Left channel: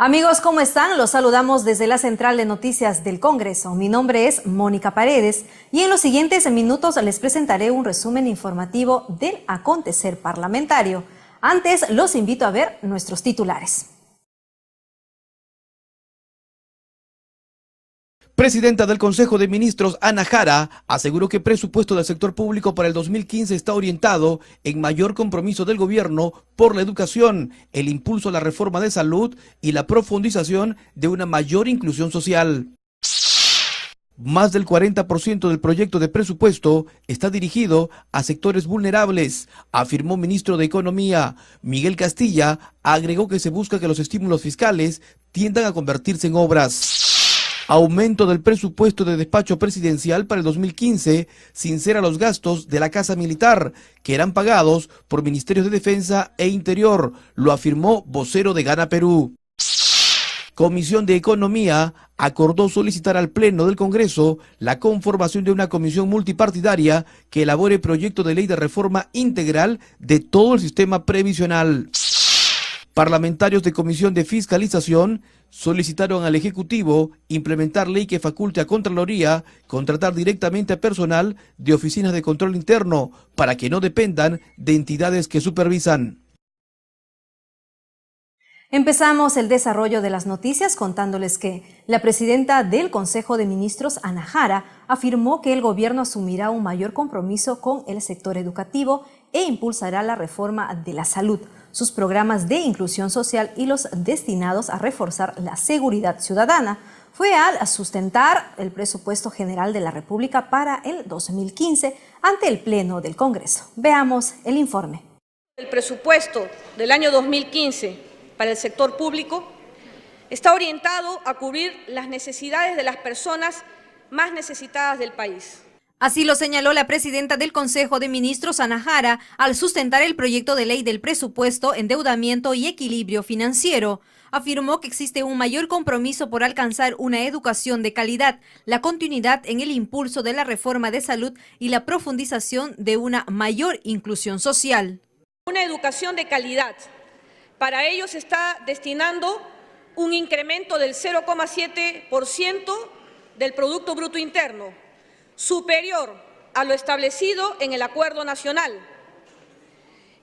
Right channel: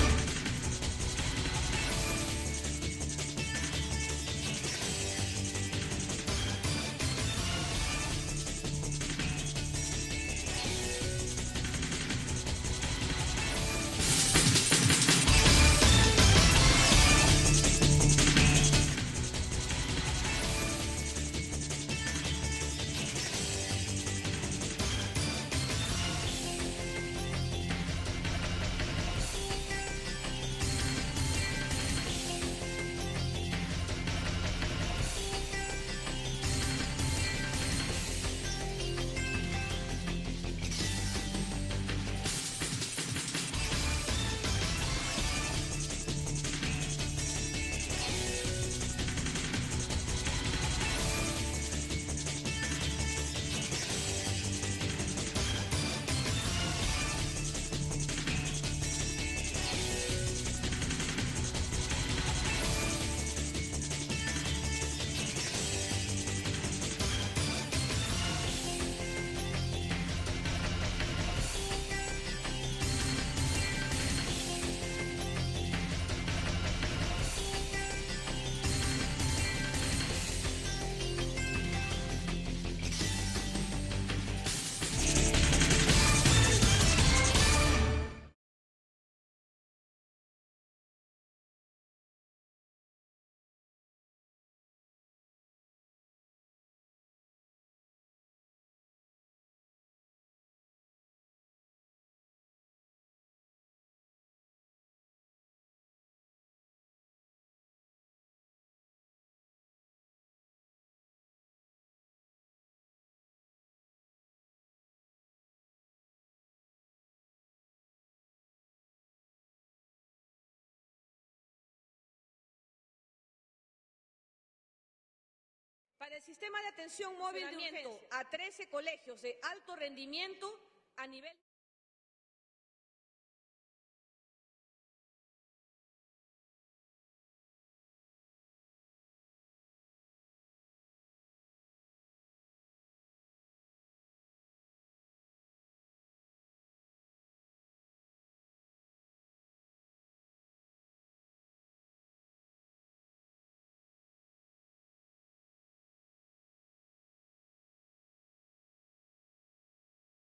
Amigos, ¿cómo están? Los saludamos desde la Central de Noticias del Congreso. Mi nombre es Mónica Paredes y en los siguientes minutos les presentaré un resumen informativo del acontecer parlamentario. Antes, los invito a ver nuestros titulares. Presidenta del Consejo de Ministros, Ana Jara, aseguró que el presupuesto del sector público para el 2015 está orientado en mayor compromiso del gobierno por la educación, el impulso a la reforma de salud y la profundización de una mayor inclusión social. Más del 40% del proyecto de presupuesto está dirigido a sectores vulnerables, afirmó ministro de Economía. Miguel Castilla agregó que se busca que los estímulos fiscales tiendan a convertirse en obras. Aumento del presupuesto de despacho presidencial para el 2015 sincera los gastos de la Casa Militar, que eran pagados por Ministerios de Defensa e Interior, lo afirmó vocero de Gana Perú. Comisión de Economía acordó solicitar al Pleno del Congreso la conformación de una comisión multipartidaria que elabore proyecto de ley de reforma integral de todo el sistema previsional. Parlamentarios de Comisión de Fiscalización solicitaron al Ejecutivo implementar ley que faculte a Contraloría contratar directamente a personal de oficinas de control interno para que no dependan de entidades que supervisan. Empezamos el desarrollo de las noticias contándoles que la presidenta del Consejo de Ministros, Ana Jara, afirmó que el gobierno asumirá un mayor compromiso con el sector educativo e impulsará la reforma de la salud, sus programas de inclusión social y los destinados a reforzar la seguridad ciudadana. Fue al sustentar el presupuesto general de la República para el 2015 ante el Pleno del Congreso. Veamos el informe. El presupuesto del año 2015 para el sector público está orientado a cubrir las necesidades de las personas más necesitadas del país. Así lo señaló la presidenta del Consejo de Ministros, Ana Jara, al sustentar el proyecto de ley del presupuesto, endeudamiento y equilibrio financiero. Afirmó que existe un mayor compromiso por alcanzar una educación de calidad, la continuidad en el impulso de la reforma de salud y la profundización de una mayor inclusión social. Una educación de calidad. Para ello se está destinando un incremento del 0,7% del Producto Bruto Interno, superior a lo establecido en el Acuerdo Nacional.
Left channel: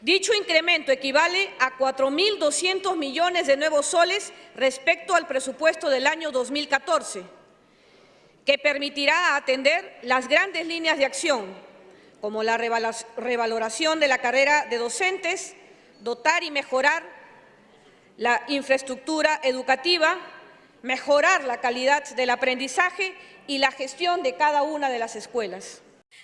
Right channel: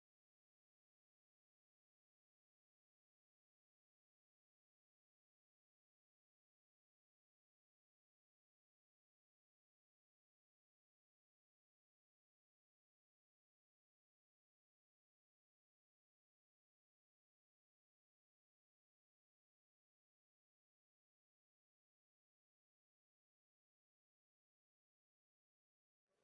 Dicho incremento equivale a 4.200 millones de nuevos soles respecto al presupuesto del año 2014, que permitirá atender las grandes líneas de acción, como la revaloración de la carrera de docentes, dotar y mejorar la infraestructura educativa, mejorar la calidad del aprendizaje y la gestión de cada una de las escuelas.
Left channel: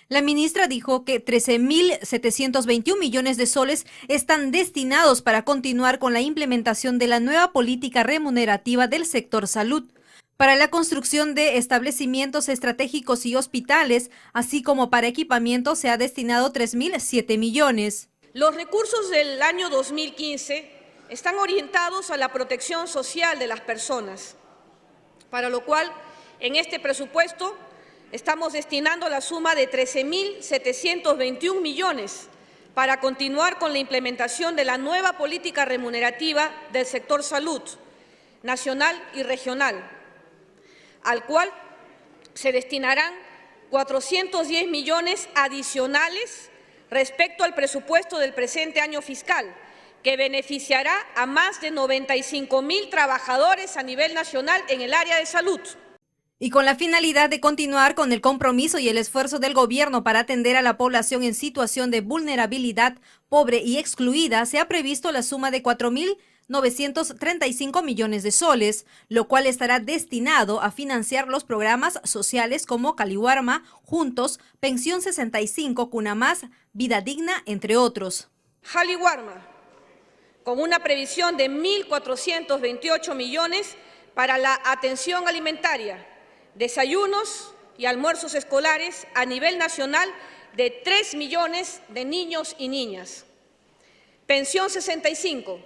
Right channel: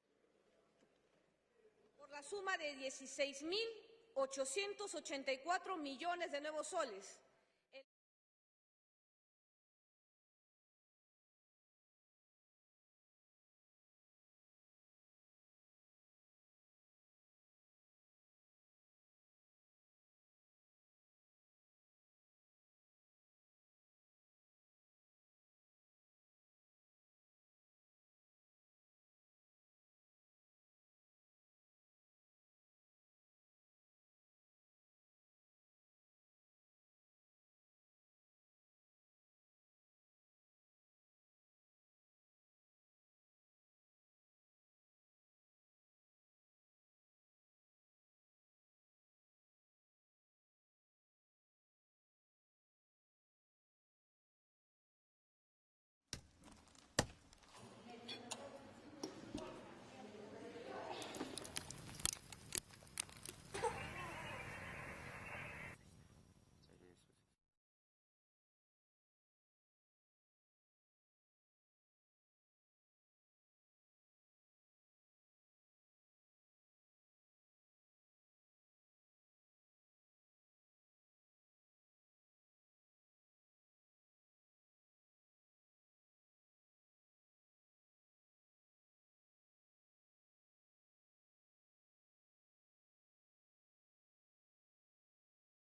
La ministra dijo que 13.721 millones de soles están destinados para continuar con la implementación de la nueva política remunerativa del sector salud, para la construcción de establecimientos estratégicos y hospitales, así como para equipamiento se ha destinado 3.007 millones. Los recursos del año 2015 están orientados a la protección social de las personas, para lo cual en este presupuesto estamos destinando la suma de 13.721 millones para continuar con la implementación de la nueva política remunerativa del sector salud, nacional y regional, al cual se destinarán 410 millones adicionales respecto al presupuesto del presente año fiscal, que beneficiará a más de 95.000 trabajadores a nivel nacional en el área de salud. Y con la finalidad de continuar con el compromiso y el esfuerzo del gobierno para atender a la población en situación de vulnerabilidad, pobre y excluida, se ha previsto la suma de 4.935 millones de soles, lo cual estará destinado a financiar los programas sociales como Caliwarma, Juntos, Pensión 65, Cuna Más, Vida Digna, entre otros. Caliwarma, con una previsión de 1.428 millones para la atención alimentaria, desayunos y almuerzos escolares a nivel nacional de 3 millones de niños y niñas. Pensión 65,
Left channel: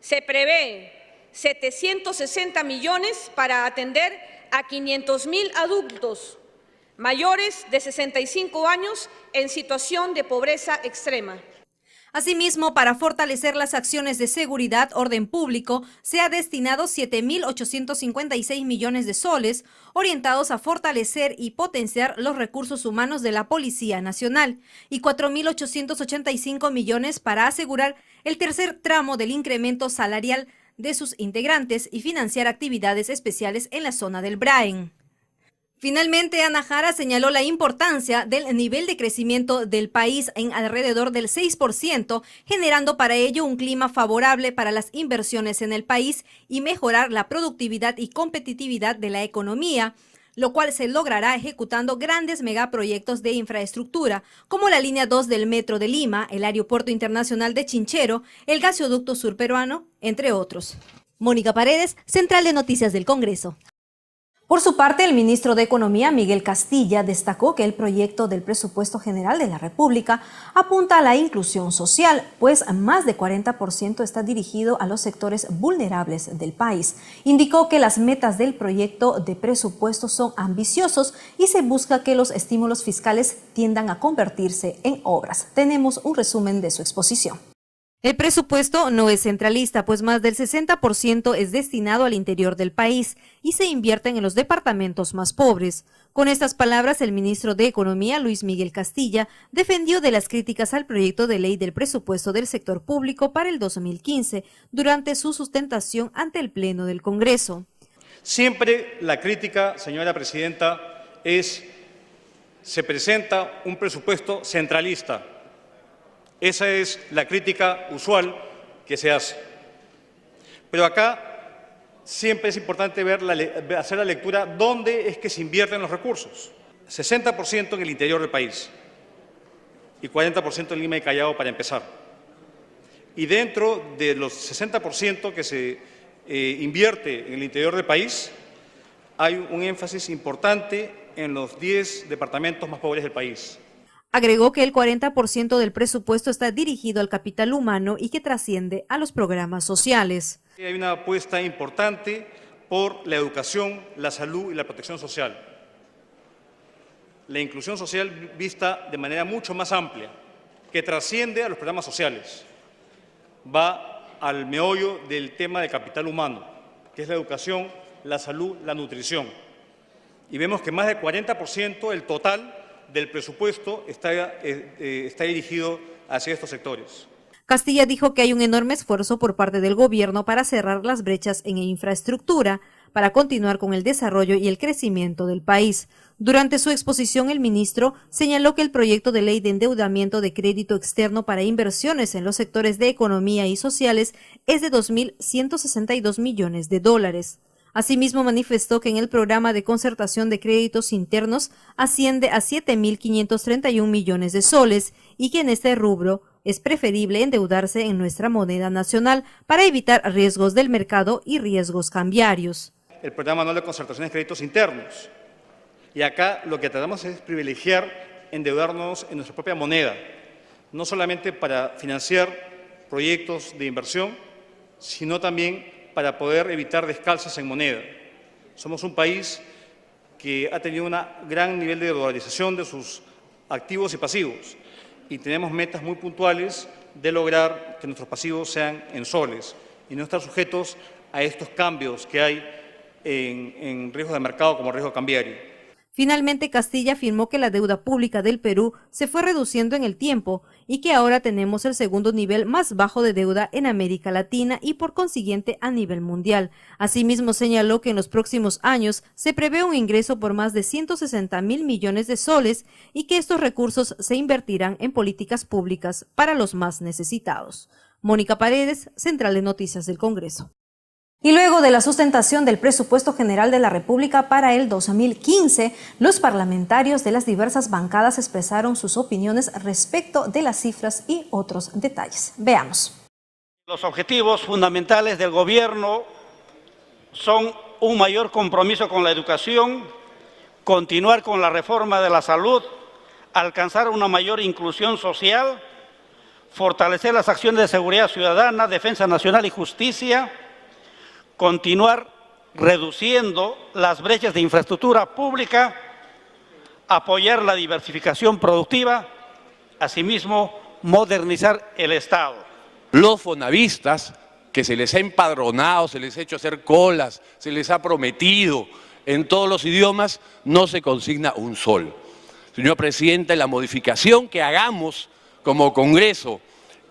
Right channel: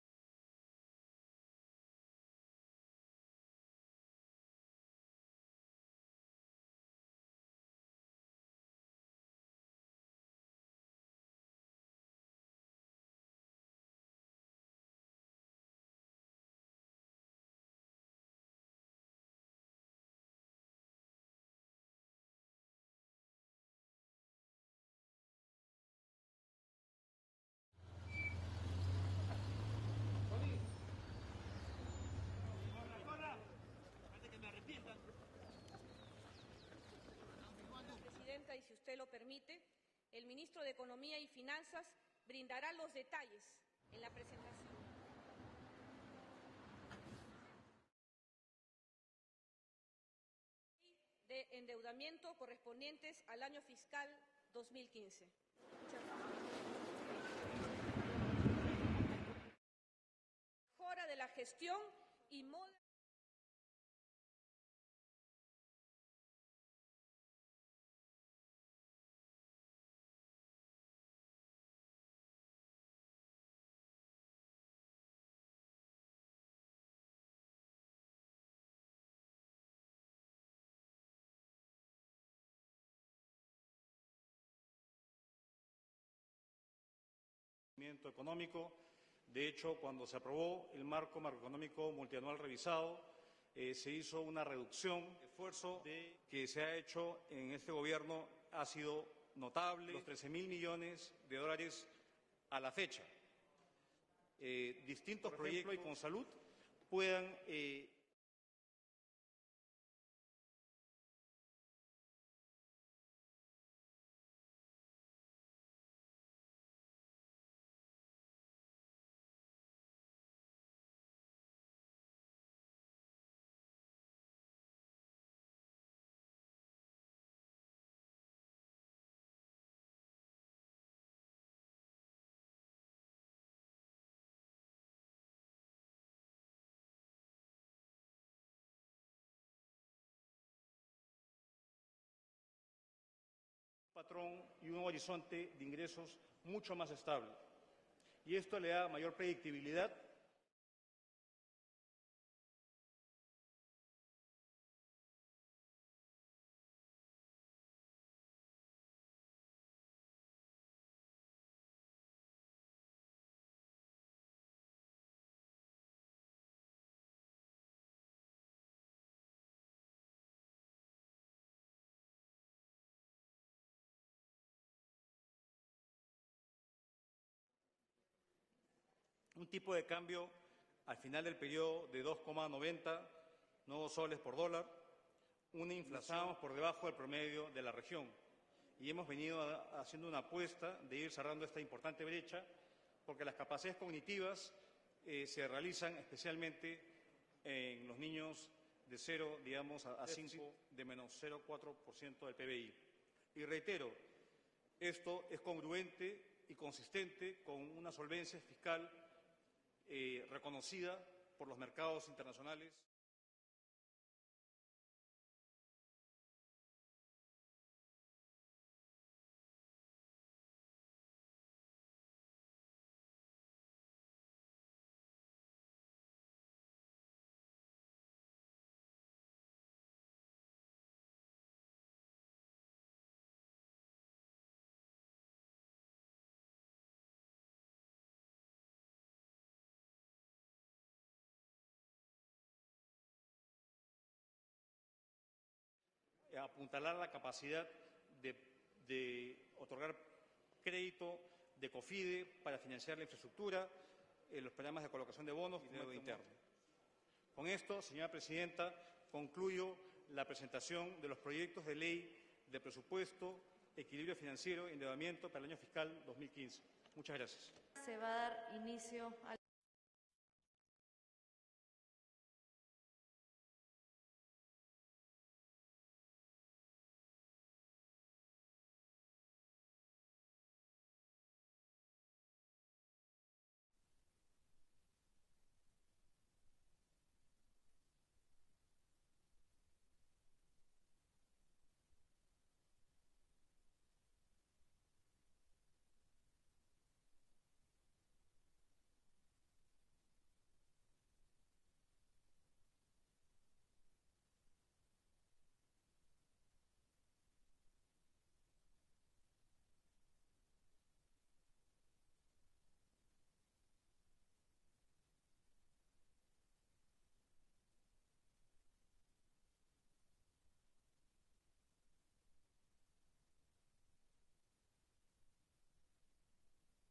se prevé 760 millones para atender a 500.000 adultos mayores de 65 años en situación de pobreza extrema. Asimismo, para fortalecer las acciones de seguridad, orden público, se ha destinado 7.856 millones de soles, orientados a fortalecer y potenciar los recursos humanos de la Policía Nacional, y 4.885 millones para asegurar el tercer tramo del incremento salarial de sus integrantes y financiar actividades especiales en la zona del Braen. Finalmente, Anahara señaló la importancia del nivel de crecimiento del país en alrededor del 6%, generando para ello un clima favorable para las inversiones en el país y mejorar la productividad y competitividad de la economía, lo cual se logrará ejecutando grandes megaproyectos de infraestructura, como la línea 2 del Metro de Lima, el Aeropuerto Internacional de Chinchero, el Gasoducto Surperuano, entre otros. Mónica Paredes, Central de Noticias del Congreso. Por su parte, el ministro de Economía, Miguel Castilla, destacó que el proyecto del Presupuesto General de la República apunta a la inclusión social, pues más de 40% está dirigido a los sectores vulnerables del país. Indicó que las metas del proyecto de presupuesto son ambiciosos y se busca que los estímulos fiscales tiendan a convertirse en obras. Tenemos un resumen de su exposición. El presupuesto no es centralista, pues más del 60% es destinado al interior del país y se invierten en los departamentos más pobres. Con estas palabras, el ministro de Economía, Luis Miguel Castilla, defendió de las críticas al proyecto de ley del presupuesto del sector público para el 2015 durante su sustentación ante el Pleno del Congreso. Siempre la crítica, señora presidenta, se presenta un presupuesto centralista. Esa es la crítica usual que se hace. Pero acá siempre es importante hacer la lectura dónde es que se invierten los recursos. 60% en el interior del país y 40% en Lima y Callao para empezar. Y dentro de los 60% que se invierte en el interior del país, hay un énfasis importante en los 10 departamentos más pobres del país. Agregó que el 40% del presupuesto está dirigido al capital humano y que trasciende a los programas sociales. Hay una apuesta importante por la educación, la salud y la protección social. La inclusión social vista de manera mucho más amplia, que trasciende a los programas sociales. Va al meollo del tema del capital humano, que es la educación, la salud, la nutrición. Y vemos que más del 40% del total del presupuesto está dirigido hacia estos sectores. Castilla dijo que hay un enorme esfuerzo por parte del gobierno para cerrar las brechas en infraestructura, para continuar con el desarrollo y el crecimiento del país. Durante su exposición, el ministro señaló que el proyecto de ley de endeudamiento de crédito externo para inversiones en los sectores de economía y sociales es de 2.162 millones de dólares. Asimismo, manifestó que en el programa de concertación de créditos internos asciende a 7.531 millones de soles y que en este rubro es preferible endeudarse en nuestra moneda nacional para evitar riesgos del mercado y riesgos cambiarios. El programa anual de concertación de créditos internos. Y acá lo que tratamos es privilegiar endeudarnos en nuestra propia moneda, no solamente para financiar proyectos de inversión, sino también para poder evitar descalzos en moneda. Somos un país que ha tenido un gran nivel de dolarización de sus activos y pasivos y tenemos metas muy puntuales de lograr que nuestros pasivos sean en soles y no estar sujetos a estos cambios que hay en riesgos de mercado como riesgo cambiario. Finalmente, Castilla afirmó que la deuda pública del Perú se fue reduciendo en el tiempo y que ahora tenemos el segundo nivel más bajo de deuda en América Latina y por consiguiente a nivel mundial. Asimismo, señaló que en los próximos años se prevé un ingreso por más de 160.000 millones de soles y que estos recursos se invertirán en políticas públicas para los más necesitados. Mónica Paredes, Central de Noticias del Congreso. Y luego de la sustentación del Presupuesto General de la República para el 2015, los parlamentarios de las diversas bancadas expresaron sus opiniones respecto de las cifras y otros detalles. Veamos. Los objetivos fundamentales del gobierno son un mayor compromiso con la educación, continuar con la reforma de la salud, alcanzar una mayor inclusión social, fortalecer las acciones de seguridad ciudadana, defensa nacional y justicia, continuar reduciendo las brechas de infraestructura pública, apoyar la diversificación productiva, asimismo modernizar el Estado. Los fonavistas, que se les ha empadronado, se les ha hecho hacer colas, se les ha prometido en todos los idiomas, no se consigna un sol. Señor presidente, la modificación que hagamos como Congreso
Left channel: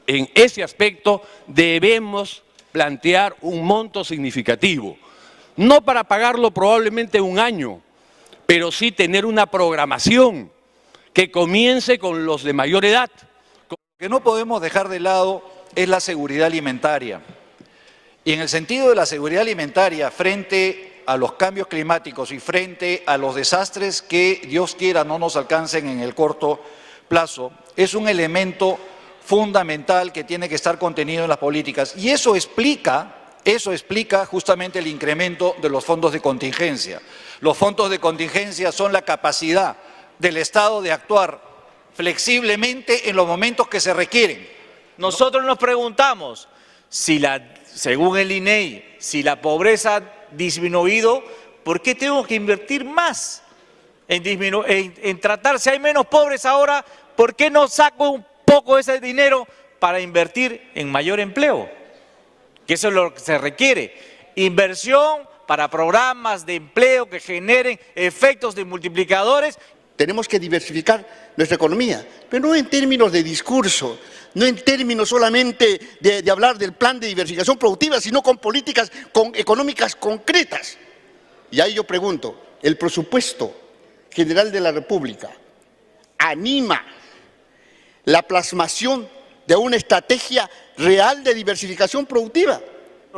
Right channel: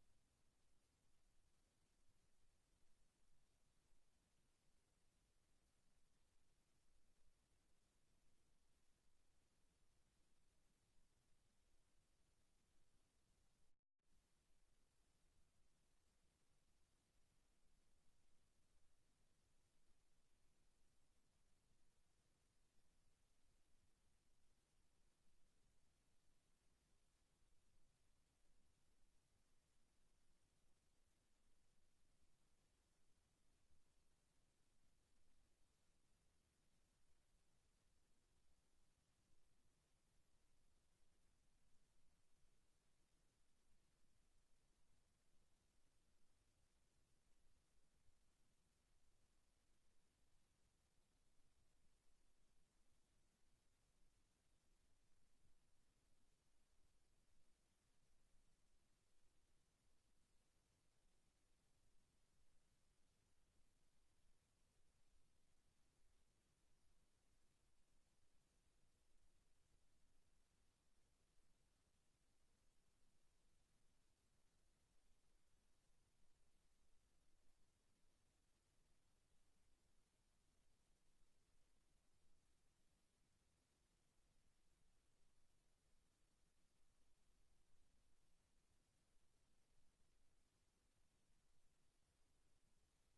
en ese aspecto debemos plantear un monto significativo, no para pagarlo probablemente un año, pero sí tener una programación que comience con los de mayor edad. Lo que no podemos dejar de lado es la seguridad alimentaria. Y en el sentido de la seguridad alimentaria, frente a los cambios climáticos y frente a los desastres que Dios quiera no nos alcancen en el corto plazo, es un elemento fundamental que tiene que estar contenido en las políticas. Y eso explica justamente el incremento de los fondos de contingencia. Los fondos de contingencia son la capacidad del Estado de actuar flexiblemente en los momentos que se requieren. Nosotros nos preguntamos si según el INEI, si la pobreza ha disminuido, ¿por qué tengo que invertir más en tratar? Si hay menos pobres ahora, ¿por qué no saco un poco ese dinero para invertir en mayor empleo? Que eso es lo que se requiere. Inversión para programas de empleo que generen efectos de multiplicadores. Tenemos que diversificar nuestra economía, pero no en términos de discurso, no en términos solamente de hablar del plan de diversificación productiva, sino con políticas económicas concretas. Y ahí yo pregunto, ¿el presupuesto general de la República anima la plasmación de una estrategia real de diversificación productiva?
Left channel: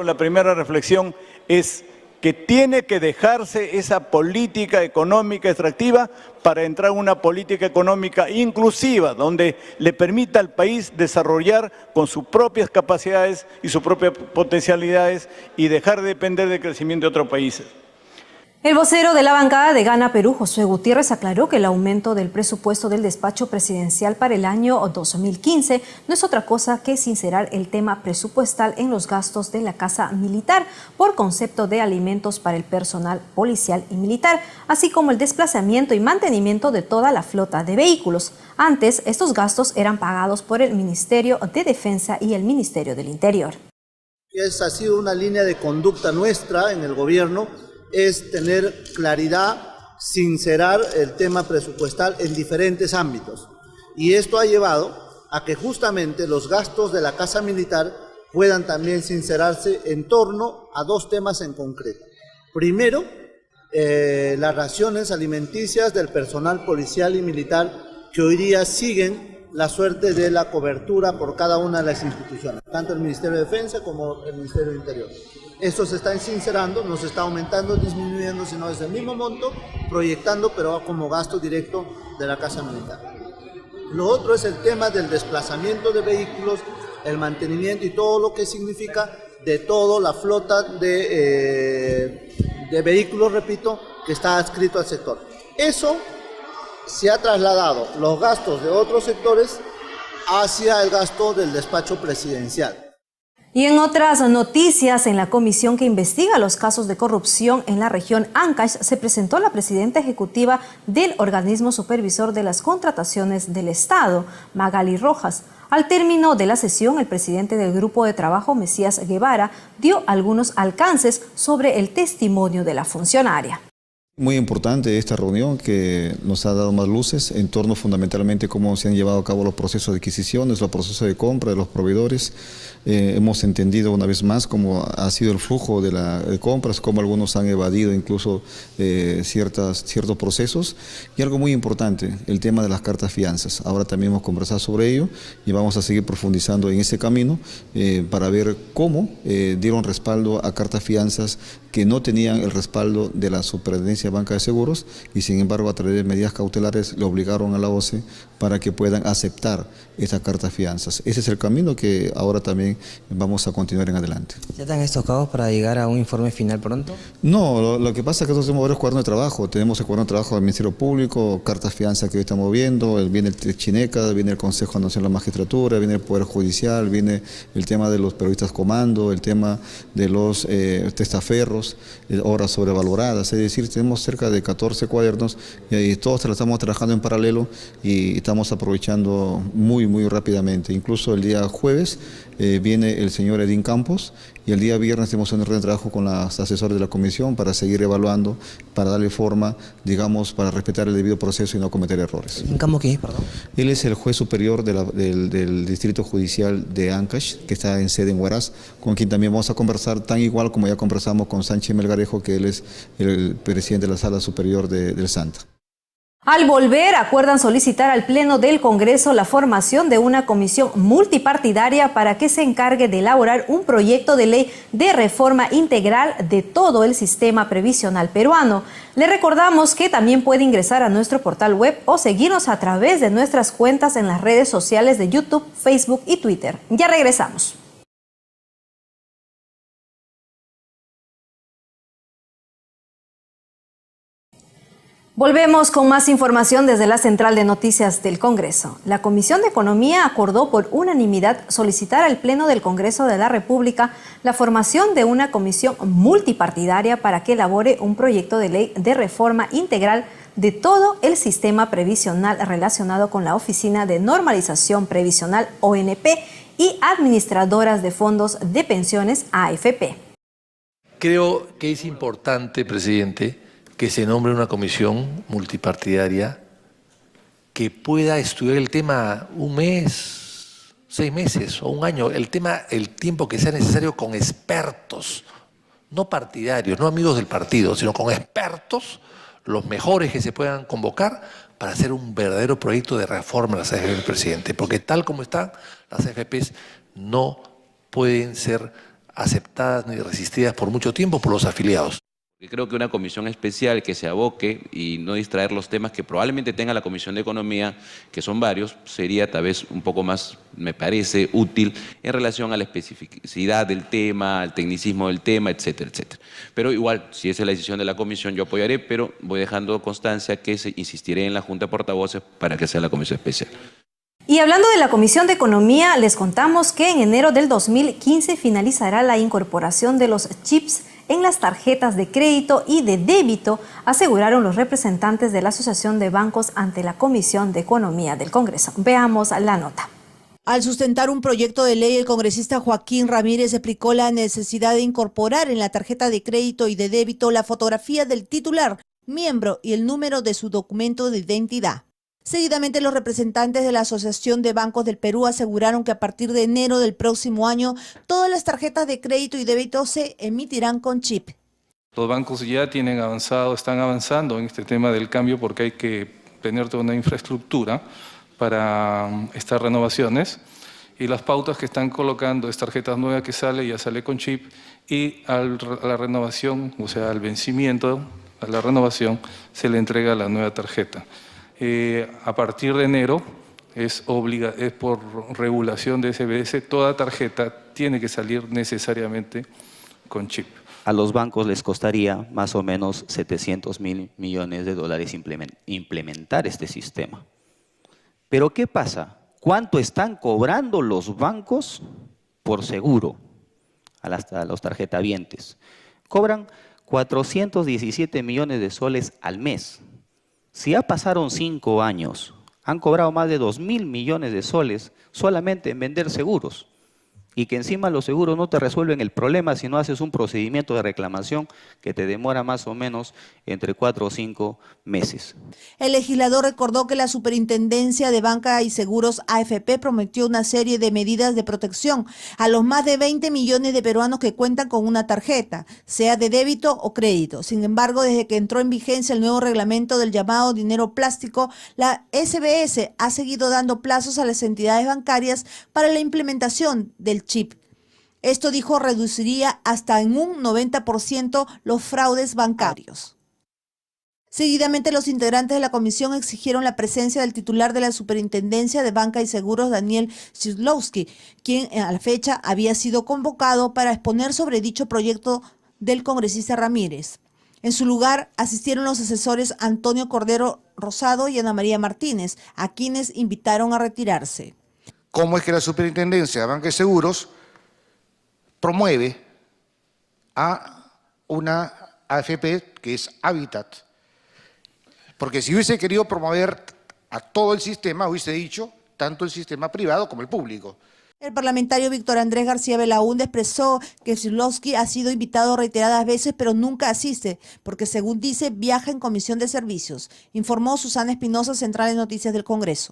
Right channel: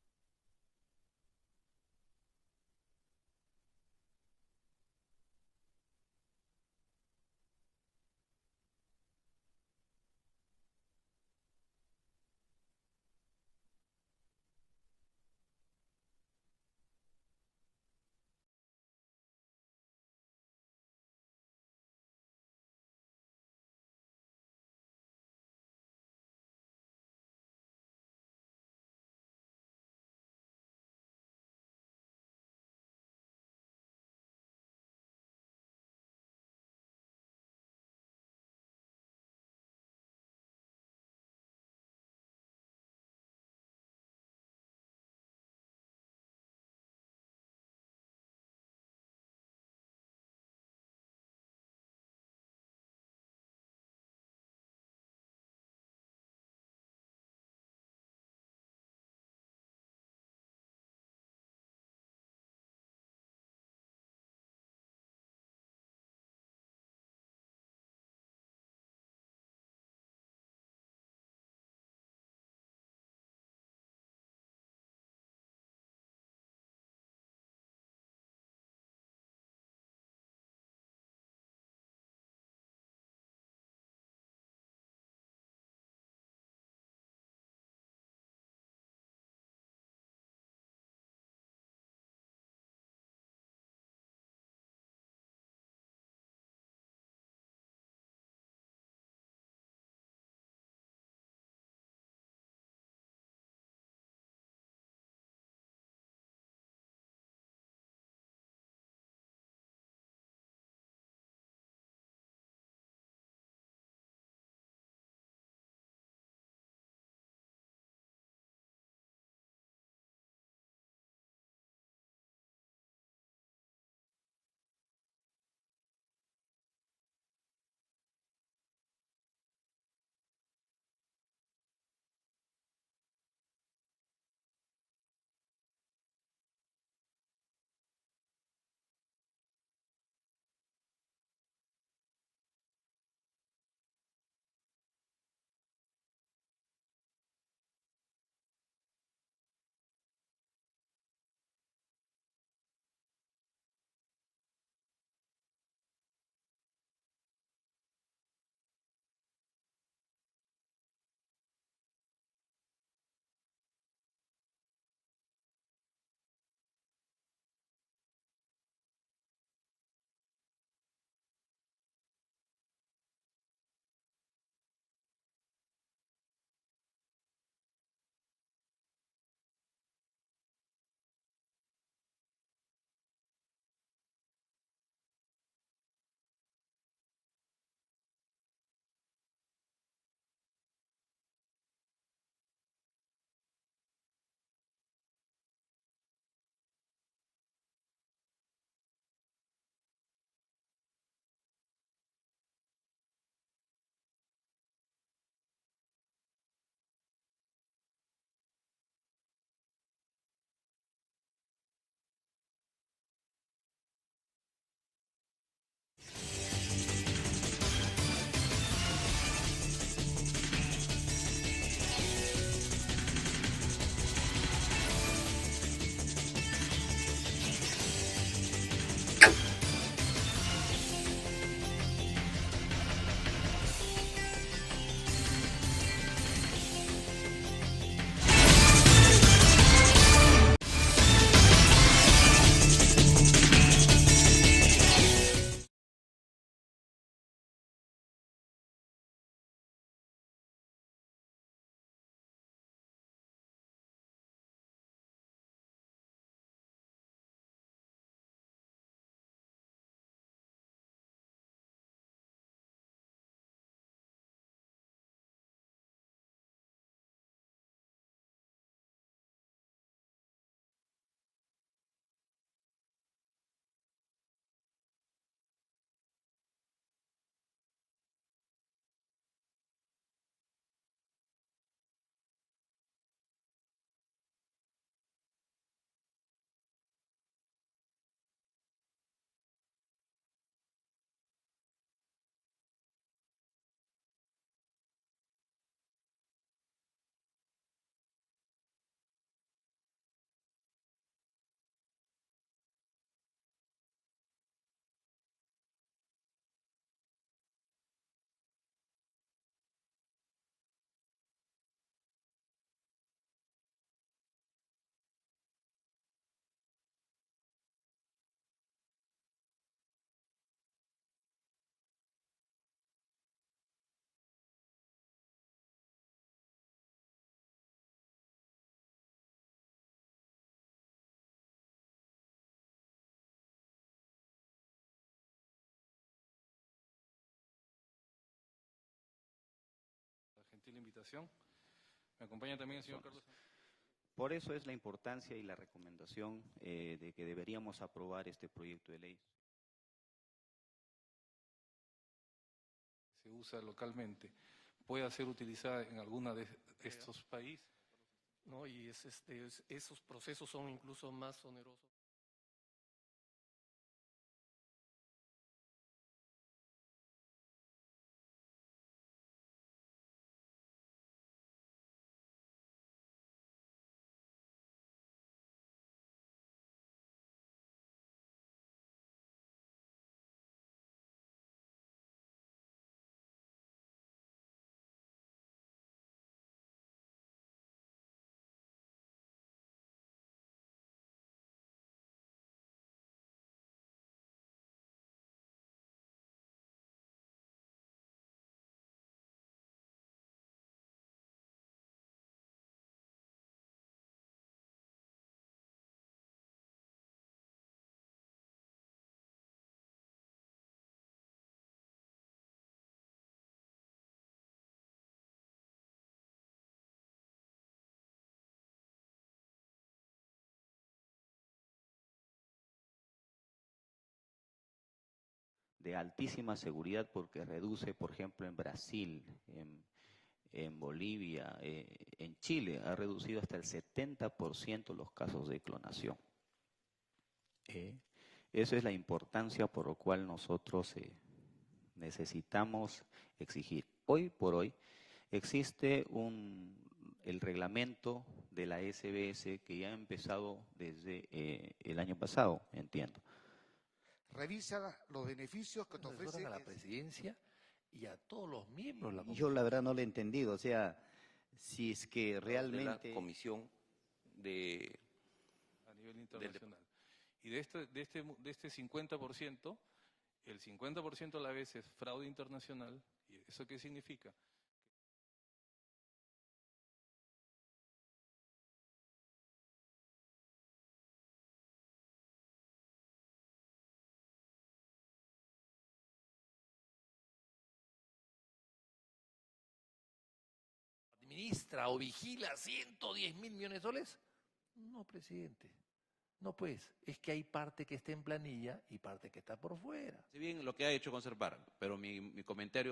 La primera reflexión es que tiene que dejarse esa política económica extractiva para entrar en una política económica inclusiva, donde le permita al país desarrollar con sus propias capacidades y sus propias potencialidades y dejar de depender del crecimiento de otros países. El vocero de la bancada de Gana Perú, Josué Gutiérrez, aclaró que el aumento del presupuesto del despacho presidencial para el año 2015 no es otra cosa que sincerar el tema presupuestal en los gastos de la Casa Militar por concepto de alimentos para el personal policial y militar, así como el desplazamiento y mantenimiento de toda la flota de vehículos. Antes, estos gastos eran pagados por el Ministerio de Defensa y el Ministerio del Interior. Esa ha sido una línea de conducta nuestra en el gobierno, es tener claridad, sincerar el tema presupuestal en diferentes ámbitos. Y esto ha llevado a que justamente los gastos de la Casa Militar puedan también sincerarse en torno a dos temas en concreto. Primero, las raciones alimenticias del personal policial y militar que hoy día siguen la suerte de la cobertura por cada una de las instituciones, tanto el Ministerio de Defensa como el Ministerio del Interior. Esto se está sincerando, no se está aumentando, disminuyendo, sino es el mismo monto, proyectando, pero como gasto directo de la Casa Militar. Lo otro es el tema del desplazamiento de vehículos, el mantenimiento y todo lo que significa de toda la flota de vehículos, repito, que está adscrito al sector. Eso se ha trasladado los gastos de otros sectores hacia el gasto del despacho presidencial. Y en otras noticias, en la comisión que investiga los casos de corrupción en la región Ancash, se presentó la presidenta ejecutiva del organismo supervisor de las contrataciones del Estado, Magali Rojas. Al término de la sesión, el presidente del grupo de trabajo, Mesías Guevara, dio algunos alcances sobre el testimonio de la funcionaria. Muy importante esta reunión que nos ha dado más luces en torno fundamentalmente a cómo se han llevado a cabo los procesos de adquisiciones, los procesos de compra de los proveedores. Hemos entendido una vez más cómo ha sido el flujo de compras, cómo algunos han evadido incluso ciertos procesos. Y algo muy importante, el tema de las cartas fianzas. Ahora también hemos conversado sobre ello y vamos a seguir profundizando en ese camino para ver cómo dieron respaldo a cartas fianzas que no tenían el respaldo de la Superintendencia de Banca de Seguros y sin embargo a través de medidas cautelares le obligaron a la OCE para que puedan aceptar esas cartas fianzas. Ese es el camino que ahora también también vamos a continuar en adelante. ¿Ya están estocados para llegar a un informe final pronto? No, lo que pasa es que nosotros tenemos varios cuadernos de trabajo. Tenemos el cuaderno de trabajo del Ministerio Público, cartas fianza que hoy estamos viendo, viene el Chineca, viene el Consejo Nacional de la Magistratura, viene el Poder Judicial, viene el tema de los periodistas comando, el tema de los testaferros, horas sobrevaloradas. Es decir, tenemos cerca de 14 cuadernos y todos estamos trabajando en paralelo y estamos aprovechando muy rápidamente. Incluso el día jueves viene el señor Edín Campos y el día viernes tenemos una reunión de trabajo con los asesores de la comisión para seguir evaluando, para darle forma, digamos, para respetar el debido proceso y no cometer errores. ¿Edín Campos quién es, perdón? Él es el juez superior del Distrito Judicial de Ancash, que está en sede en Huaraz, con quien también vamos a conversar tan igual como ya conversamos con Sánchez Melgarejo, que él es el presidente de la Sala Superior del Santa. Al volver, acuerdan solicitar al Pleno del Congreso la formación de una comisión multipartidaria para que se encargue de elaborar un proyecto de ley de reforma integral de todo el sistema previsional peruano. Le recordamos que también puede ingresar a nuestro portal web o seguirnos a través de nuestras cuentas en las redes sociales de YouTube, Facebook y Twitter. Ya regresamos. Volvemos con más información desde la Central de Noticias del Congreso. La Comisión de Economía acordó por unanimidad solicitar al Pleno del Congreso de la República la formación de una comisión multipartidaria para que elabore un proyecto de ley de reforma integral de todo el sistema previsional relacionado con la Oficina de Normalización Previsional ONP y administradoras de fondos de pensiones AFP. Creo que es importante, presidente, que se nombre una comisión multipartidaria que pueda estudiar el tema un mes, 6 meses o un año, el tiempo que sea necesario con expertos, no partidarios, no amigos del partido, sino con expertos, los mejores que se puedan convocar para hacer un verdadero proyecto de reforma de las AFP, presidente, porque tal como están, las AFPs no pueden ser aceptadas ni resistidas por mucho tiempo por los afiliados. Creo que una comisión especial que se aboque y no distraer los temas que probablemente tenga la Comisión de Economía, que son varios, sería tal vez un poco más, me parece, útil en relación a la especificidad del tema, al tecnicismo del tema, etcétera, etcétera. Pero igual, si esa es la decisión de la comisión, yo apoyaré, pero voy dejando constancia que insistiré en la Junta de Portavoces para que sea la comisión especial. Y hablando de la Comisión de Economía, les contamos que en enero del 2015 finalizará la incorporación de los chips en las tarjetas de crédito y de débito, aseguraron los representantes de la Asociación de Bancos ante la Comisión de Economía del Congreso. Veamos la nota. Al sustentar un proyecto de ley, el congresista Joaquín Ramírez explicó la necesidad de incorporar en la tarjeta de crédito y de débito la fotografía del titular, miembro y el número de su documento de identidad. Seguidamente, los representantes de la Asociación de Bancos del Perú aseguraron que a partir de enero del próximo año, todas las tarjetas de crédito y débito se emitirán con chip. Los bancos ya están avanzando en este tema del cambio porque hay que tener toda una infraestructura para estas renovaciones y las pautas que están colocando es tarjetas nuevas que ya sale con chip y a la renovación, o sea, al vencimiento, a la renovación, se le entrega la nueva tarjeta. A partir de enero, es por regulación de SBS, toda tarjeta tiene que salir necesariamente con chip. A los bancos les costaría más o menos 700.000 millones de dólares implementar este sistema. Pero ¿qué pasa? ¿Cuánto están cobrando los bancos por seguro a los tarjetavientes? Cobran 417 millones de soles al mes. Si ya pasaron 5 años, han cobrado más de 2.000 millones de soles solamente en vender seguros. Y que encima los seguros no te resuelven el problema si no haces un procedimiento de reclamación que te demora más o menos entre 4 o 5 meses. El legislador recordó que la Superintendencia de Banca y Seguros AFP prometió una serie de medidas de protección a los más de 20 millones de peruanos que cuentan con una tarjeta, sea de débito o crédito. Sin embargo, desde que entró en vigencia el nuevo reglamento del llamado dinero plástico, la SBS ha seguido dando plazos a las entidades bancarias para la implementación del chip. Esto, dijo, reduciría hasta en un 90% los fraudes bancarios. Seguidamente, los integrantes de la comisión exigieron la presencia del titular de la Superintendencia de Banca y Seguros, Daniel Kozlowski, quien a la fecha había sido convocado para exponer sobre dicho proyecto del congresista Ramírez. En su lugar asistieron los asesores Antonio Cordero Rosado y Ana María Martínez, a quienes invitaron a retirarse. ¿Cómo es que la Superintendencia de Banca y Seguros promueve a una AFP que es Habitat? Porque si hubiese querido promover a todo el sistema, hubiese dicho tanto el sistema privado como el público. El parlamentario Víctor Andrés García Belaúnde expresó que Kozlowski ha sido invitado reiteradas veces, pero nunca asiste, porque según dice, viaja en comisión de servicios. Informó Susana Espinosa, Central de Noticias del Congreso.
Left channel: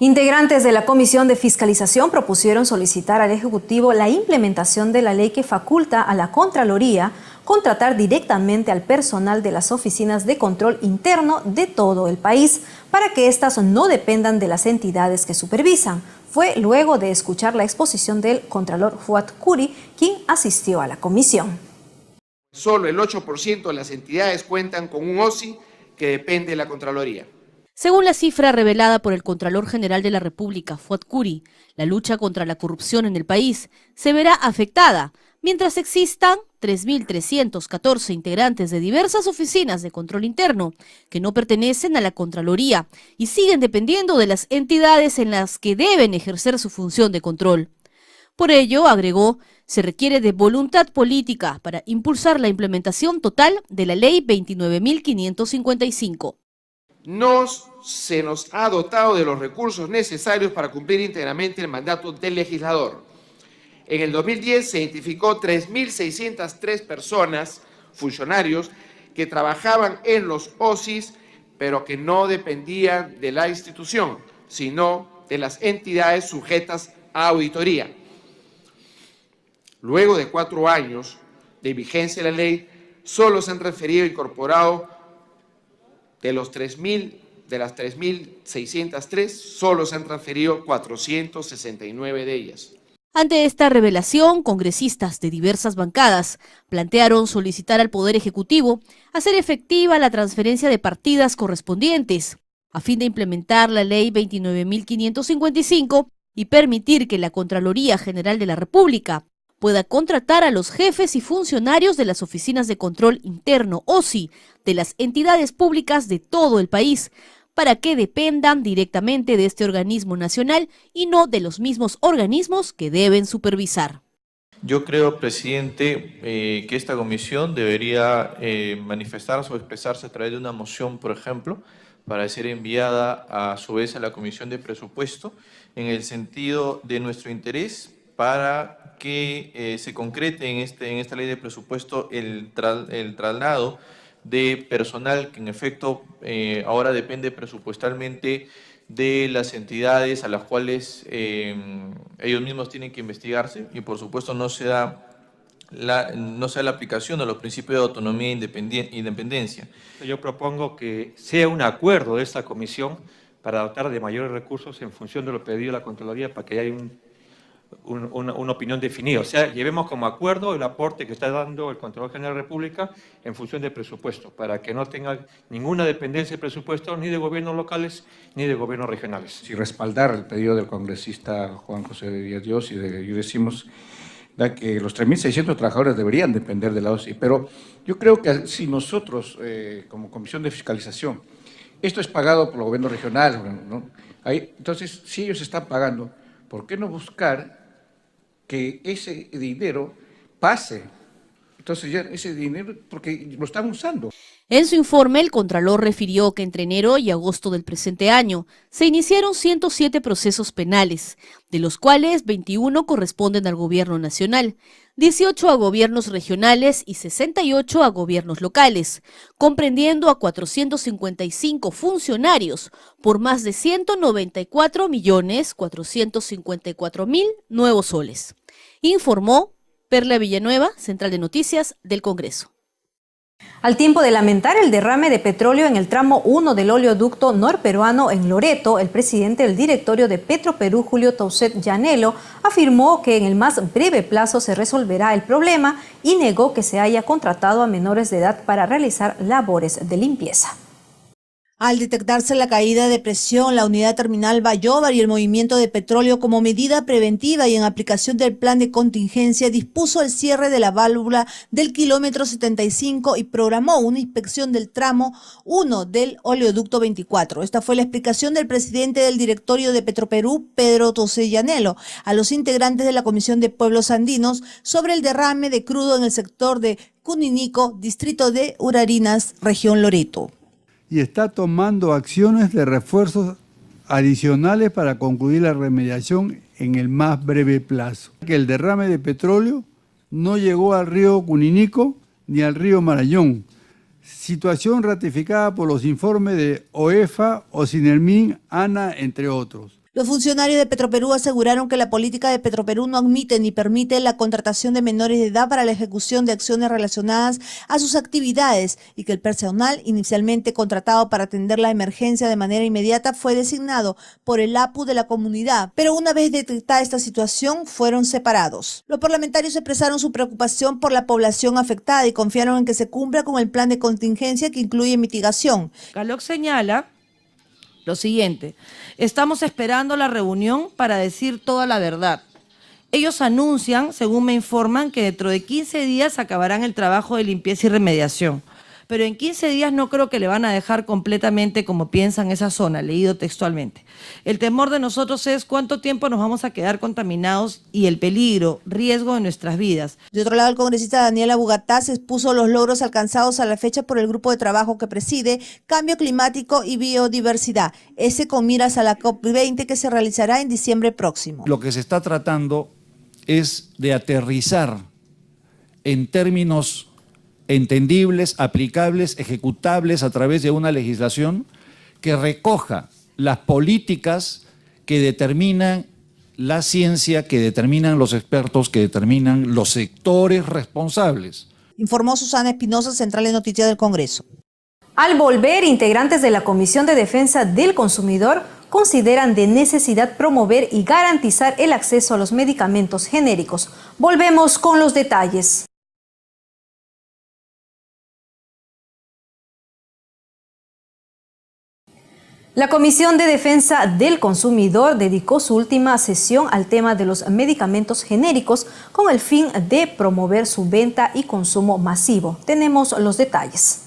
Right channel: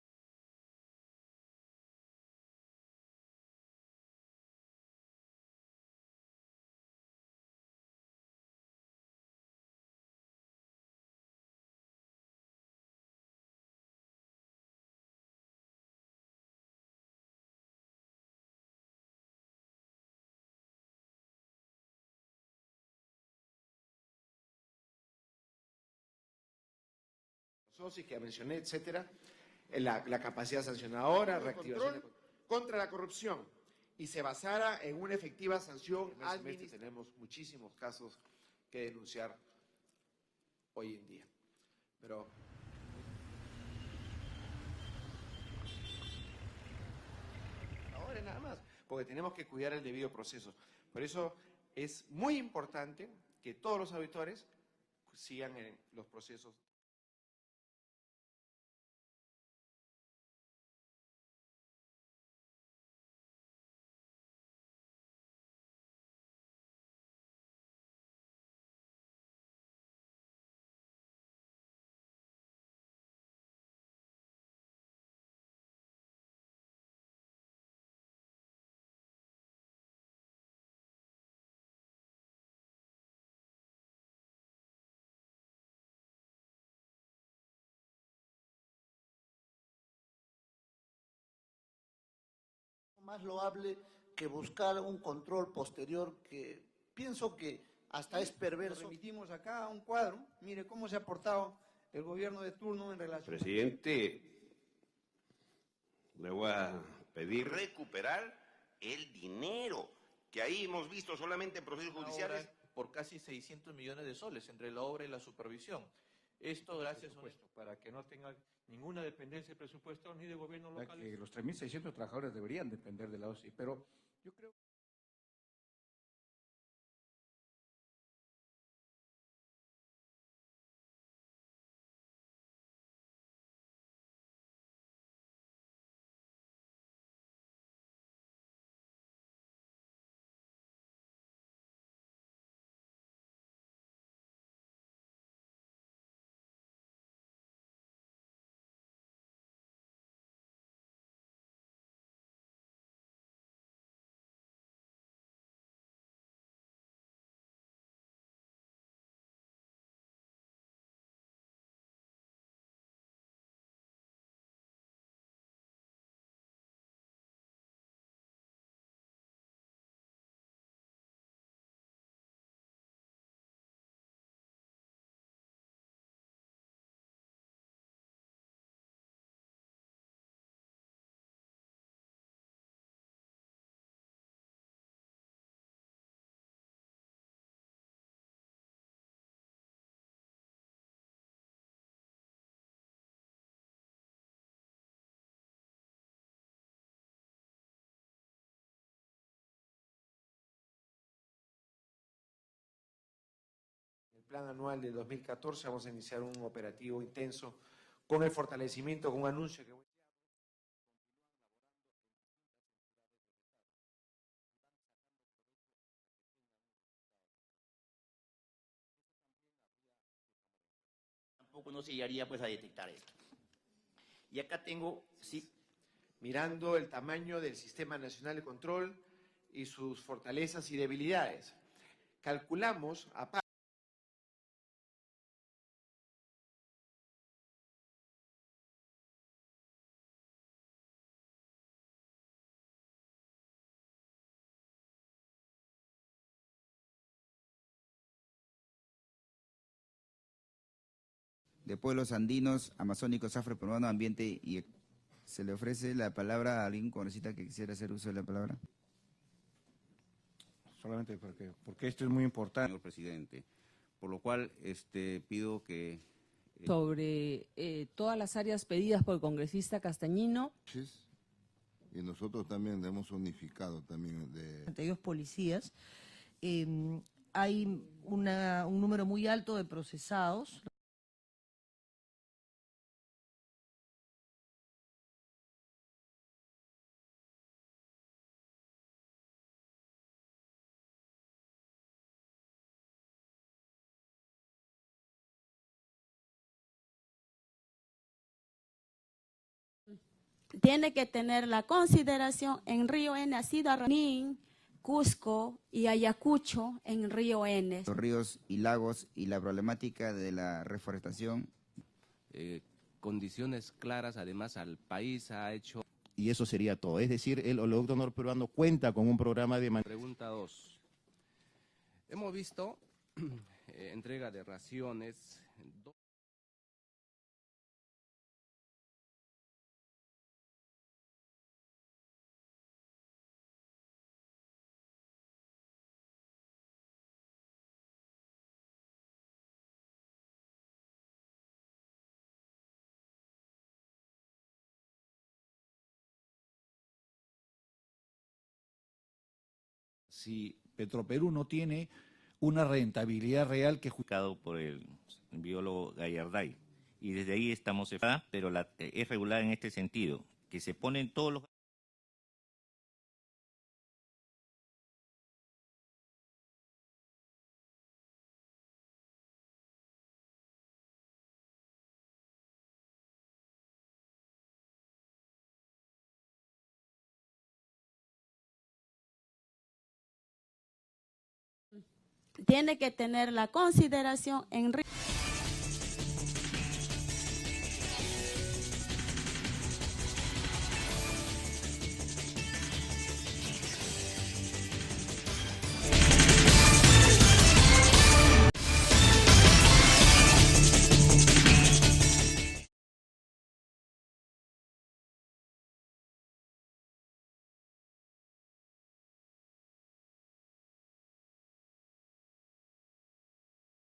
Integrantes de la Comisión de Fiscalización propusieron solicitar al Ejecutivo la implementación de la ley que faculta a la Contraloría contratar directamente al personal de las oficinas de control interno de todo el país para que éstas no dependan de las entidades que supervisan. Fue luego de escuchar la exposición del Contralor Fuad Curi, quien asistió a la comisión. Solo el 8% de las entidades cuentan con un OSI que depende de la Contraloría. Según la cifra revelada por el Contralor General de la República, Fuad Curi, la lucha contra la corrupción en el país se verá afectada mientras existan 3.314 integrantes de diversas oficinas de control interno que no pertenecen a la Contraloría y siguen dependiendo de las entidades en las que deben ejercer su función de control. Por ello, agregó, se requiere de voluntad política para impulsar la implementación total de la Ley 29.555. No se nos ha dotado de los recursos necesarios para cumplir íntegramente el mandato del legislador. En el 2010 se identificó 3.603 personas, funcionarios, que trabajaban en los OSIs, pero que no dependían de la institución, sino de las entidades sujetas a auditoría. Luego de 4 años de vigencia de la ley, solo se han transferido e incorporado de las 3.603, solo se han transferido 469 de ellas. Ante esta revelación, congresistas de diversas bancadas plantearon solicitar al Poder Ejecutivo hacer efectiva la transferencia de partidas correspondientes a fin de implementar la Ley 29.555 y permitir que la Contraloría General de la República pueda contratar a los jefes y funcionarios de las oficinas de control interno OSI de las entidades públicas de todo el país, para que dependan directamente de este organismo nacional y no de los mismos organismos que deben supervisar. Yo creo, presidente, que esta comisión debería manifestarse o expresarse a través de una moción, por ejemplo, para ser enviada a su vez a la Comisión de Presupuesto, en el sentido de nuestro interés para que se concrete en esta ley de presupuesto el traslado de personal que en efecto ahora depende presupuestalmente de las entidades a las cuales ellos mismos tienen que investigarse y por supuesto no se da la aplicación de los principios de autonomía e independencia. Yo propongo que sea un acuerdo de esta comisión para dotar de mayores recursos en función de lo pedido a la Contraloría para que haya una opinión definida. O sea, llevemos como acuerdo el aporte que está dando el Contralor General de la República en función del presupuesto, para que no tenga ninguna dependencia de presupuesto ni de gobiernos locales ni de gobiernos regionales. Si respaldar el pedido del congresista Juan José Díaz Dios y decimos que los 3.600 trabajadores deberían depender de la OSI, pero yo creo que si nosotros, como Comisión de Fiscalización, esto es pagado por los gobiernos regionales, ¿no? Entonces, si ellos están pagando, ¿por qué no buscar que ese dinero pase? Entonces ya ese dinero, porque lo están usando. En su informe, el Contralor refirió que entre enero y agosto del presente año se iniciaron 107 procesos penales, de los cuales 21 corresponden al gobierno nacional, 18 a gobiernos regionales y 68 a gobiernos locales, comprendiendo a 455 funcionarios por más de 194.454.000 nuevos soles. Informó Perla Villanueva, Central de Noticias del Congreso. Al tiempo de lamentar el derrame de petróleo en el tramo 1 del oleoducto norperuano en Loreto, el presidente del directorio de Petroperú, Julio Tauset Llanelo, afirmó que en el más breve plazo se resolverá el problema y negó que se haya contratado a menores de edad para realizar labores de limpieza. Al detectarse la caída de presión, la unidad terminal Bayobar y el movimiento de petróleo como medida preventiva y en aplicación del plan de contingencia, dispuso el cierre de la válvula del kilómetro 75 y programó una inspección del tramo 1 del oleoducto 24. Esta fue la explicación del presidente del directorio de Petroperú, Pedro Tosellanelo, a los integrantes de la Comisión de Pueblos Andinos sobre el derrame de crudo en el sector de Cuninico, distrito de Urarinas, región Loreto. Y está tomando acciones de refuerzos adicionales para concluir la remediación en el más breve plazo. Que el derrame de petróleo no llegó al río Cuninico ni al río Marañón, situación ratificada por los informes de OEFA, Ocinelmin, ANA, entre otros. Los funcionarios de Petroperú aseguraron que la política de Petroperú no admite ni permite la contratación de menores de edad para la ejecución de acciones relacionadas a sus actividades y que el personal inicialmente contratado para atender la emergencia de manera inmediata fue designado por el APU de la comunidad, pero una vez detectada esta situación fueron separados. Los parlamentarios expresaron su preocupación por la población afectada y confiaron en que se cumpla con el plan de contingencia que incluye mitigación. Caloc señala lo siguiente: estamos esperando la reunión para decir toda la verdad. Ellos anuncian, según me informan, que dentro de 15 días acabarán el trabajo de limpieza y remediación. Pero en 15 días no creo que le van a dejar completamente como piensan esa zona, leído textualmente. El temor de nosotros es cuánto tiempo nos vamos a quedar contaminados y el peligro, riesgo de nuestras vidas. De otro lado, el congresista Daniel Abugatá se expuso los logros alcanzados a la fecha por el grupo de trabajo que preside, Cambio Climático y Biodiversidad, ese con miras a la COP20 que se realizará en diciembre próximo. Lo que se está tratando es de aterrizar en términos entendibles, aplicables, ejecutables a través de una legislación que recoja las políticas que determinan la ciencia, que determinan los expertos, que determinan los sectores responsables. Informó Susana Espinosa, Central de Noticias del Congreso. Al volver, integrantes de la Comisión de Defensa del Consumidor consideran de necesidad promover y garantizar el acceso a los medicamentos genéricos. Volvemos con los detalles. La Comisión de Defensa del Consumidor dedicó su última sesión al tema de los medicamentos genéricos con el fin de promover su venta y consumo masivo. Tenemos los detalles.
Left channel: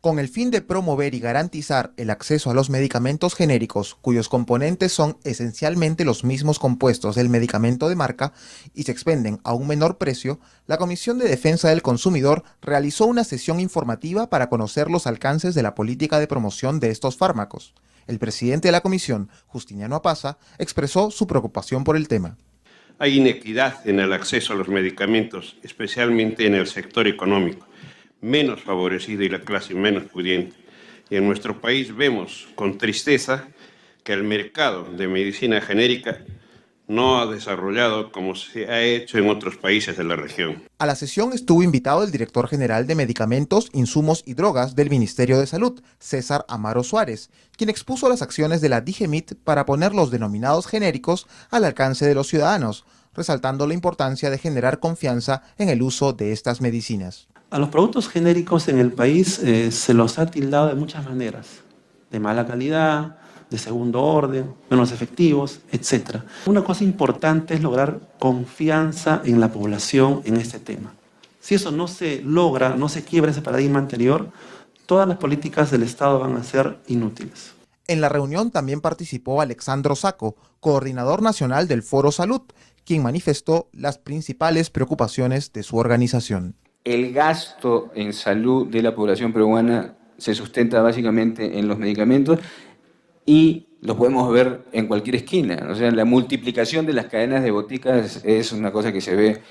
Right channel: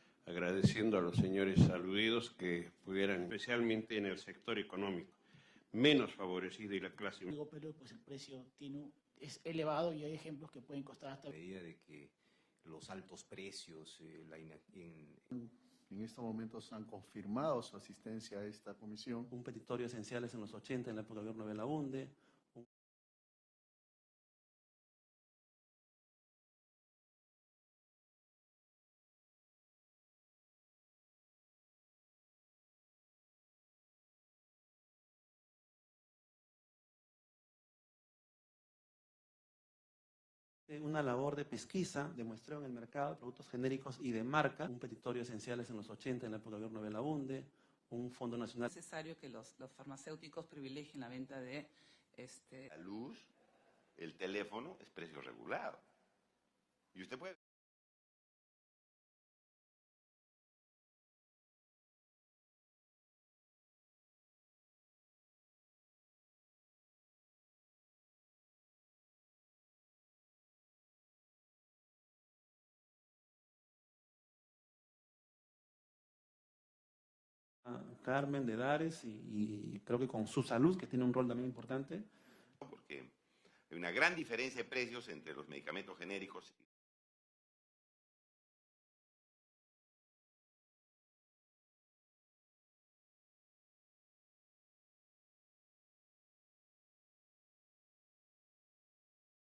Con el fin de promover y garantizar el acceso a los medicamentos genéricos, cuyos componentes son esencialmente los mismos compuestos del medicamento de marca y se expenden a un menor precio, la Comisión de Defensa del Consumidor realizó una sesión informativa para conocer los alcances de la política de promoción de estos fármacos. El presidente de la comisión, Justiniano Apaza, expresó su preocupación por el tema. Hay inequidad en el acceso a los medicamentos, especialmente en el sector económico, menos favorecido y la clase menos pudiente. Y en nuestro país vemos con tristeza que el mercado de medicina genérica no ha desarrollado como se ha hecho en otros países de la región. A la sesión estuvo invitado el director general de Medicamentos, Insumos y Drogas del Ministerio de Salud, César Amaro Suárez, quien expuso las acciones de la DIGEMIT para poner los denominados genéricos al alcance de los ciudadanos, resaltando la importancia de generar confianza en el uso de estas medicinas. A los productos genéricos en el país se los ha tildado de muchas maneras, de mala calidad, de segundo orden, menos efectivos, etc. Una cosa importante es lograr confianza en la población en este tema. Si eso no se logra, no se quiebra ese paradigma anterior, todas las políticas del Estado van a ser inútiles. En la reunión también participó Alexandro Saco, coordinador nacional del Foro Salud, quien manifestó las principales preocupaciones de su organización. El gasto en salud de la población peruana se sustenta básicamente en los medicamentos y lo podemos ver en cualquier esquina. O sea, la multiplicación de las cadenas de boticas es una cosa que se ve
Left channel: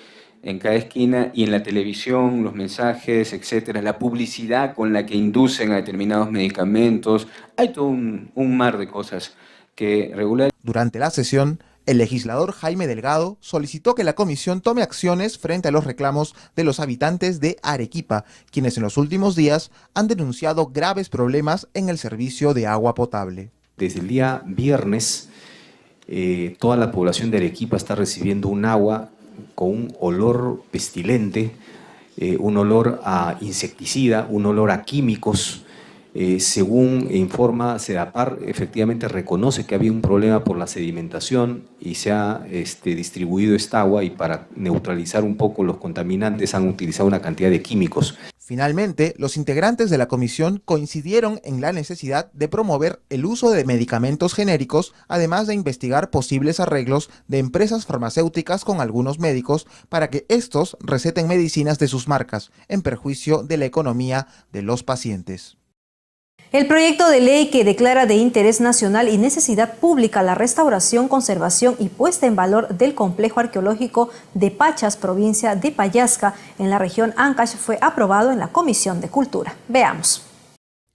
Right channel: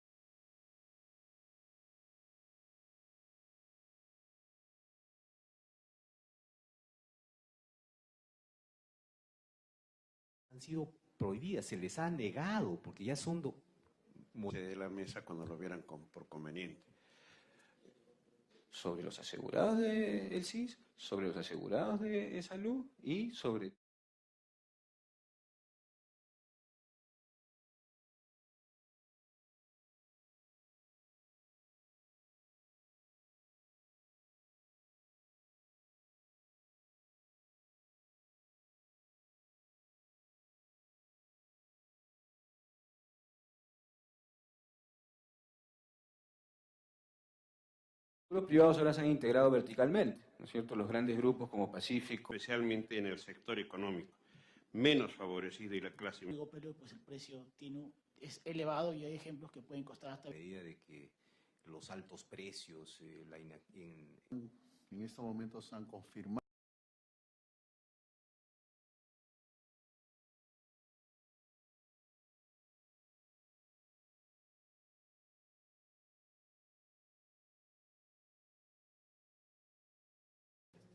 en cada esquina y en la televisión, los mensajes, etcétera, la publicidad con la que inducen a determinados medicamentos. Hay todo un mar de cosas que regulan. Durante la sesión, el legislador Jaime Delgado solicitó que la comisión tome acciones frente a los reclamos de los habitantes de Arequipa, quienes en los últimos días han denunciado graves problemas en el servicio de agua potable. Desde el día viernes, toda la población de Arequipa está recibiendo un agua con un olor pestilente, un olor a insecticida, un olor a químicos, Según informa Sedapar, efectivamente reconoce que había un problema por la sedimentación y se ha distribuido esta agua, y para neutralizar un poco los contaminantes han utilizado una cantidad de químicos. Finalmente, los integrantes de la comisión coincidieron en la necesidad de promover el uso de medicamentos genéricos, además de investigar posibles arreglos de empresas farmacéuticas con algunos médicos para que estos receten medicinas de sus marcas, en perjuicio de la economía de los pacientes. El proyecto de ley que declara de interés nacional y necesidad pública la restauración, conservación y puesta en valor del complejo arqueológico de Pachas, provincia de Pallasca, en la región Ancash, fue aprobado en la Comisión de Cultura. Veamos.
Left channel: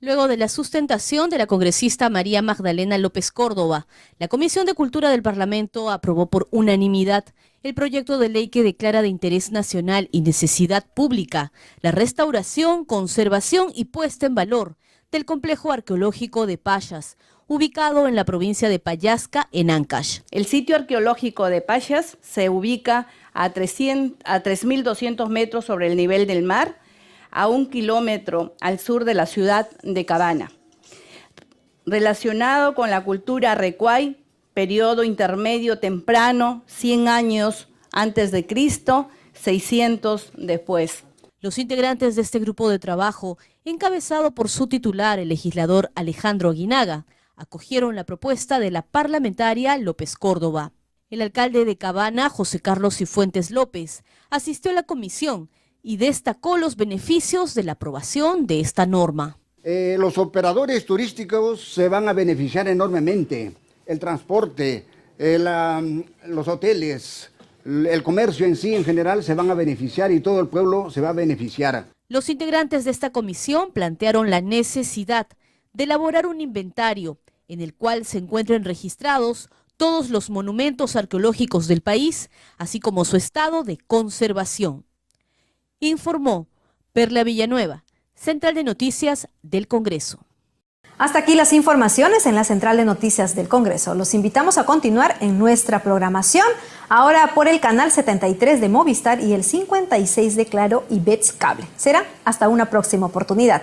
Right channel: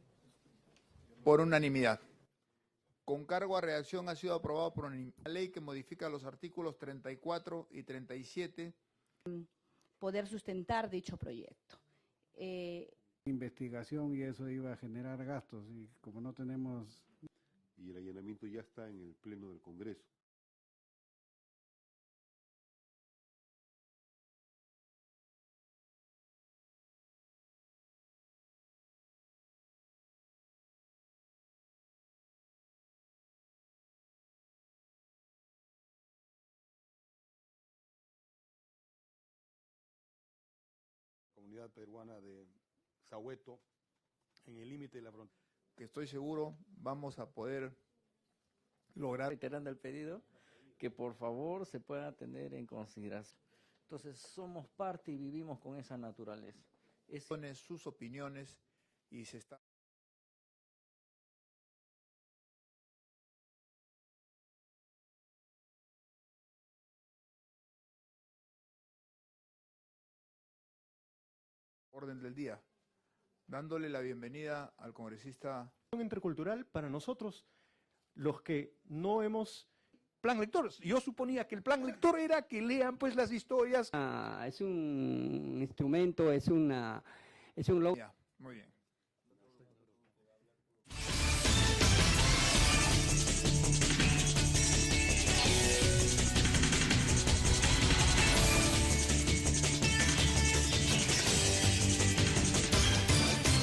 Luego de la sustentación de la congresista María Magdalena López Córdoba, la Comisión de Cultura del Parlamento aprobó por unanimidad el proyecto de ley que declara de interés nacional y necesidad pública la restauración, conservación y puesta en valor del complejo arqueológico de Pachas, ubicado en la provincia de Pallasca, en Ancash. El sitio arqueológico de Pachas se ubica a 3.200 metros sobre el nivel del mar, a 1 kilómetro al sur de la ciudad de Cabana. Relacionado con la cultura Recuay, periodo intermedio temprano, 100 años antes de Cristo, 600 después. Los integrantes de este grupo de trabajo, encabezado por su titular, el legislador Alejandro Aguinaga, acogieron la propuesta de la parlamentaria López Córdoba. El alcalde de Cabana, José Carlos Cifuentes López, asistió a la comisión y destacó los beneficios de la aprobación de esta norma. Los operadores turísticos se van a beneficiar enormemente. El transporte, los hoteles, el comercio en sí en general se van a beneficiar y todo el pueblo se va a beneficiar. Los integrantes de esta comisión plantearon la necesidad de elaborar un inventario en el cual se encuentren registrados todos los monumentos arqueológicos del país, así como su estado de conservación. Informó Perla Villanueva, Central de Noticias del Congreso. Hasta aquí las informaciones en la Central de Noticias del Congreso. Los invitamos a continuar en nuestra programación, ahora por el canal 73 de Movistar y el 56 de Claro y Bets Cable. Será hasta una próxima oportunidad.